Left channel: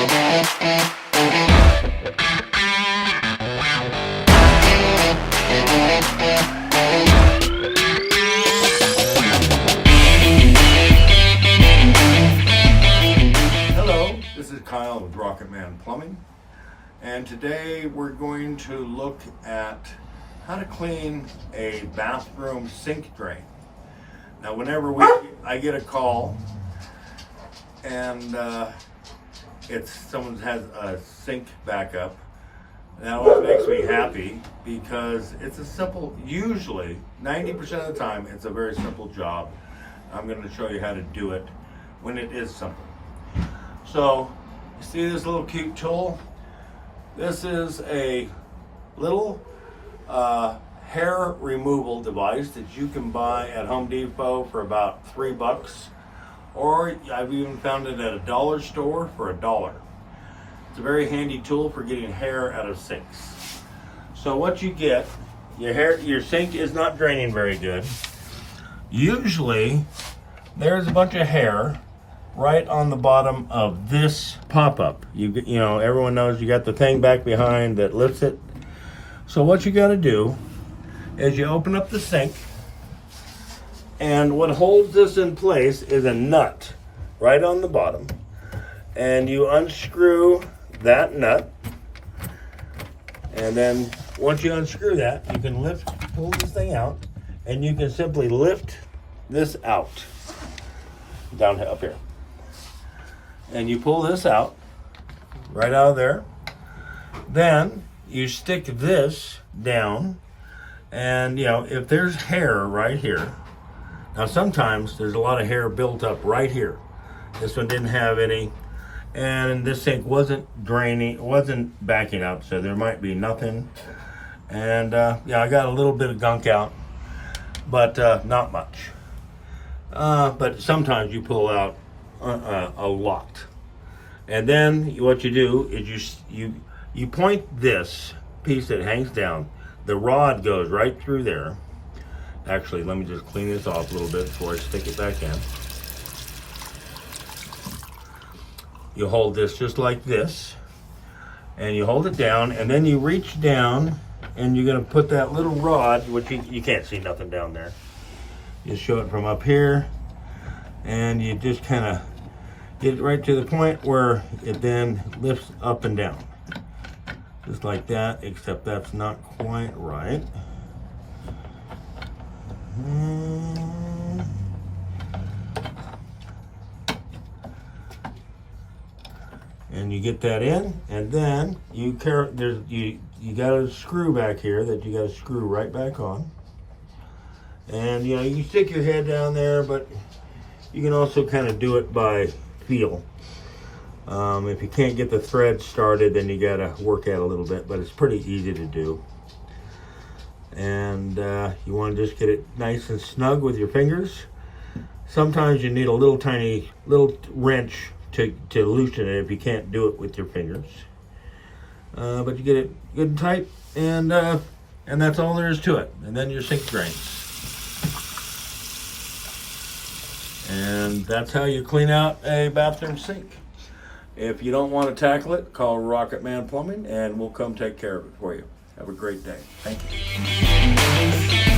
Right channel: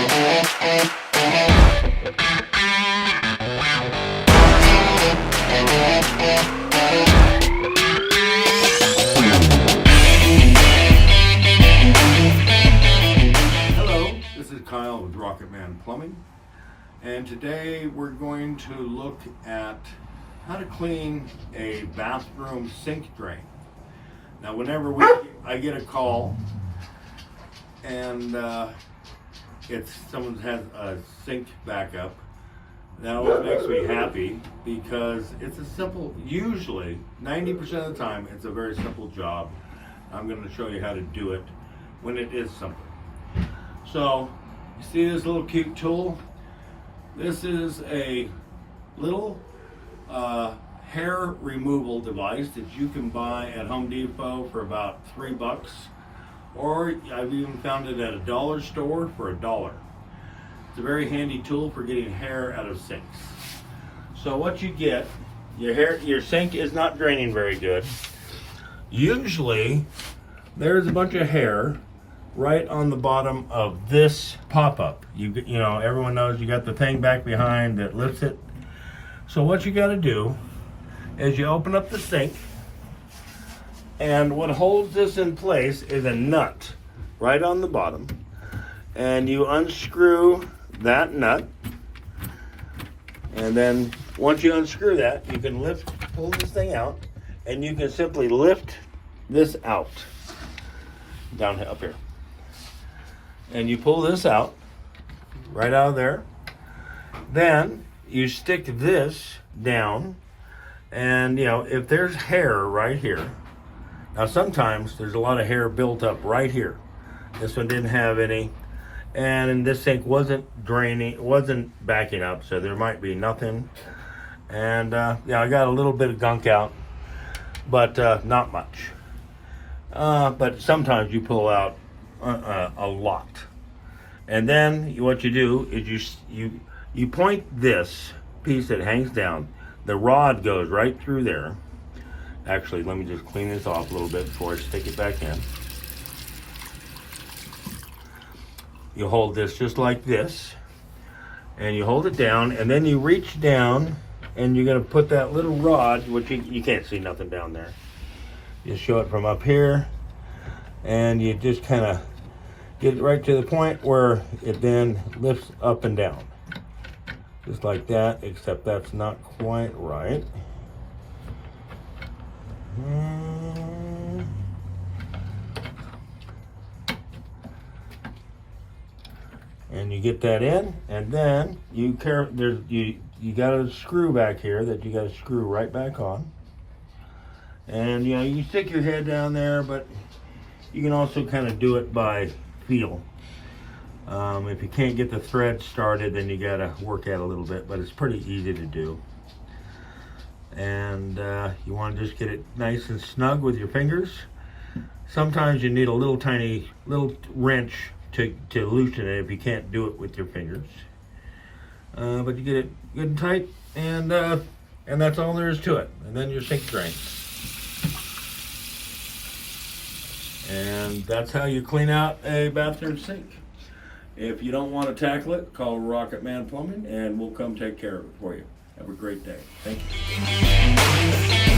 This is Kyle with Rocketman Plumbing, and today we're going to look at how to clean a bathroom sink drain. Now, whenever I get a call and it's someone has a sink backup, that always makes me happy because it's a simple, usually 90% of the time, it's a very simple job. I'm going to show you how to do it when it is simple. So, you see this little cute tool? This is a little hair removal device that you can buy at Home Depot for about $3, or I've even found it at a dollar store for $1. It's a very handy tool for getting hair out of sinks. So what you get, your sink is not draining very good. Usually, there's a bunch of hair right on the bottom of this pop-up. You know, everyone knows you got the thing back behind that lifts it. So what you got to do is you open up the sink, and what holds this in place is a nut right on the bottom, and you unscrew that nut, and then once you unscrew that, you can pull this thing out, and you can simply lift this out down up here. And you pull this out, right out of there. Then you stick this down, and you know, if there's hair right here, now sometimes there's a lot of hair built up right here. This one didn't have any, and this sink wasn't draining, wasn't backing up, so there might be nothing. And yeah, I got a little bit of gunk out, but not much. But sometimes you pull out a lot. And then what you do is you point this piece that hangs down, the rod goes right through there. Actually, let me just clean this off a little bit before I stick it back in. You hold this just like this, and you hold it down, and then you reach down, and you're gonna put that little rod, which you can't see nothing down there. You show it from up here, and you just kind of get it right to the point where it then lifts up and down. Just like that, except that's not quite right. And you get that in, and then you got a screw back here that you got to screw right back on. And you know, you stick your head down there, but you can also kind of do it by feel. If you can't get the thread started, then you gotta work at it a little bit, but it's pretty easy to do. And you want to just get it nice and snug with your fingers. Sometimes you need a little tiny wrench to loosen it if you can't do it with your fingers. But you get it good and tight, and that's all there is to it. And then your sink drains. And that's how you clean out a bathroom sink. If you don't want to tackle it, call Rocketman Plumbing and we'll come take care of it for you. Have a great day. Thank you.